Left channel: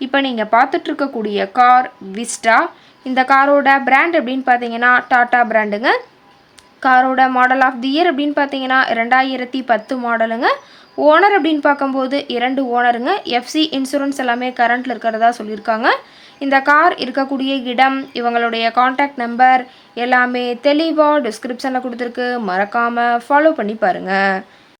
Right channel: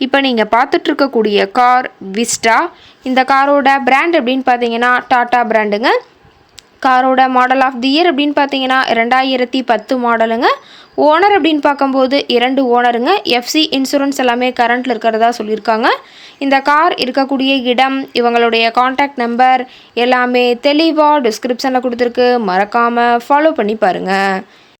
இப்போ நீங்கள் பார்த்துட்ருக்கக்கூடிய car Vista இந்த காரோட பிராண்ட் அப்படின்னு பார்த்தீங்கன்னா டாட்டா பிராண்டுங்க காரோட மாடல் ஆஃப் தி இயர் அப்படின்னு பார்த்தீங்கன்னா ரெண்டாயிரத்தி பத்து மாடலுங்க ஓனர் அப்படின்னு பார்க்கும்போது இரண்டு ஓனருங்க எஃப்சி இன்சூரன்ஸ் எல்லாமே கரண்ட்டில் இருக்கிறதா சொல்லியிருக்காங்க. இந்த கார் இருக்கக்கூடிய இடம் இவங்களுடைய காண்டாக்ட் நம்பர் எல்லாமே தெளிவாக டிஸ்கிரிப்ஷனில் கொடுத்துருக்கு. மறக்காமல் ஃபாலோ பண்ணி பாருங்கள்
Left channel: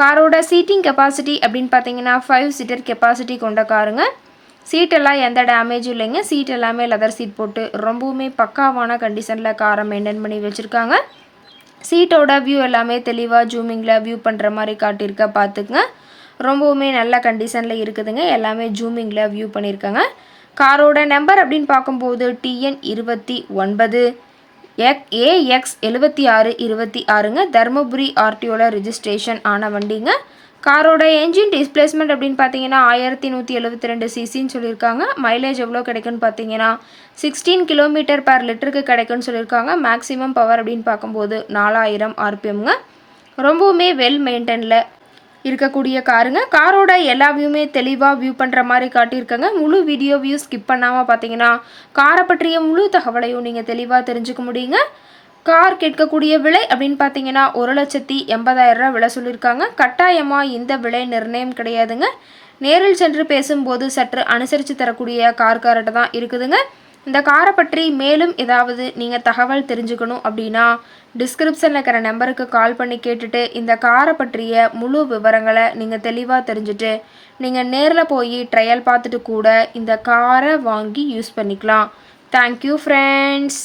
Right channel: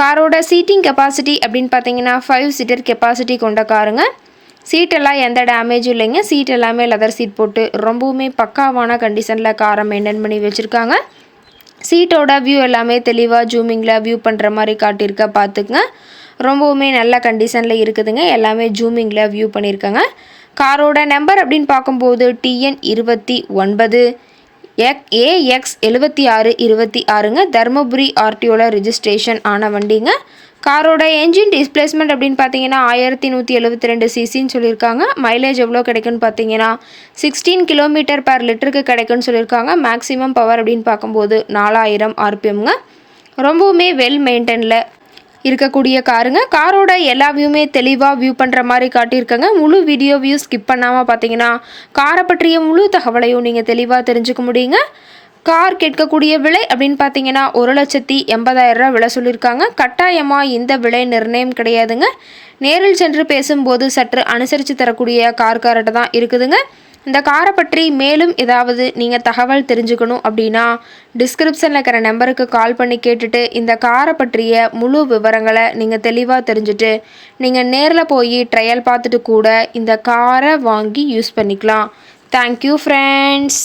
காரோட சீட்டிங் கெப்பாசிட்டி அப்படின்னு பார்த்தீங்கன்னா ஃபைவ் சீட்டர் கெப்பாசிட்டி கொண்ட காருங்க. சீட்டெல்லாம் எந்த டேமேஜும் இல்லைங்க. சீட் எல்லாமே லெதர் சீட் போட்டு ரொம்பவுமே பக்காவான கண்டிஷனில் காரை மெயின்டைன் பண்ணி வச்சுருக்காங்க. சீட்டோட வியூ எல்லாமே தெளிவாக ஜூமிங்கில் வியூ பண்ணுற மாதிரி காட்டியிருக்க பார்த்துக்குங்க. ரொம்பவுமே நல்ல கண்டிஷனில் இருக்குதுங்க. எல்லாமே ஜூமிங்கில் வியூ பண்ணியிருக்காங்க. காரோட நம்பர் அப்படின்னு பார்க்கும்போது டிஎன் இருபத்தி ஒன்பது. எக் ஏஎக்ஸ் எழுபத்தி ஆறு இருபத்தி ஆறுங்க. தருமபுரி ஆர்டிஓவில் ரிஜிஸ்ட்ரேஷன் ஆன வண்டிங்க. காரோட என்ஜின் டிஸ்பிளேஸ்மெண்ட் அப்படின்னு பார்த்தீங்கன்னா ஆயிரத்தி நூற்றி எழுபத்தி ரெண்டு சிசின்னு சொல்லியிருக்காங்க. மைலேஜ் எவ்வளோ கிடைக்குன்னு பார்த்தீங்கன்னா சிக்ஸ்டீன் கிலோமீட்டர் பர் லிட்டருக்கு கிடைக்குன்னு சொல்லியிருக்காங்க. மேக்ஸிமம் பவர் அப்படின்னு பார்க்கும்போது நாலாயிரம் ஆர்பிஎம்ங்க ரொம்பவுமே வெல் மெயின்டெனில் இருக்கக்கூடிய காருங்க. காரோட எல்லா வியூமே தெளிவாக வியூ பண்ணுற மாதிரி காட்டியிருக்கங்க. முழு வீடியோ வியூ ஸ்கிப் பண்ணாமல் பார்த்தீங்கன்னா காரை பற்றிய முழு தகவலையும் நீங்கள் தெளிவாக தெரிஞ்சுக்க முடியுங்க. கார் கேட்கக்கூடிய விலை அப்படின்னு பார்த்தீங்கன்னா ஒரு லட்சத்தி எண்பதாயிரம் விலை சொல்லியிருக்காங்க. கட்டாயமாக இந்த விலை நிர்ணயம் கிடையாதுங்க. நேரில் சென்று பேசும்போது சற்று அனுசரித்து தரக்கூடிய கார்கார்ட்ட தான் இருக்குதுங்க. இந்த காரை பற்றி மேலும் ஏதாவது நீங்கள் தகவல் தெரிஞ்சுக்கணும் அப்படின்னா டிஸ்கிரிப்ஷனில் இருக்கிற நம்பருக்கு கால் பண்ணி கேட்டுட்டு இந்த காரை பற்றிய முழு விவரங்களை நீங்கள் தெளிவாக தெரிஞ்சுட்டு நீங்கள் நேரில் போய் ட்ரையல் பார்த்துட்டு கூட இந்த காரை வாங்கி யூஸ் பண்ணிக்கலாம். Thank you friends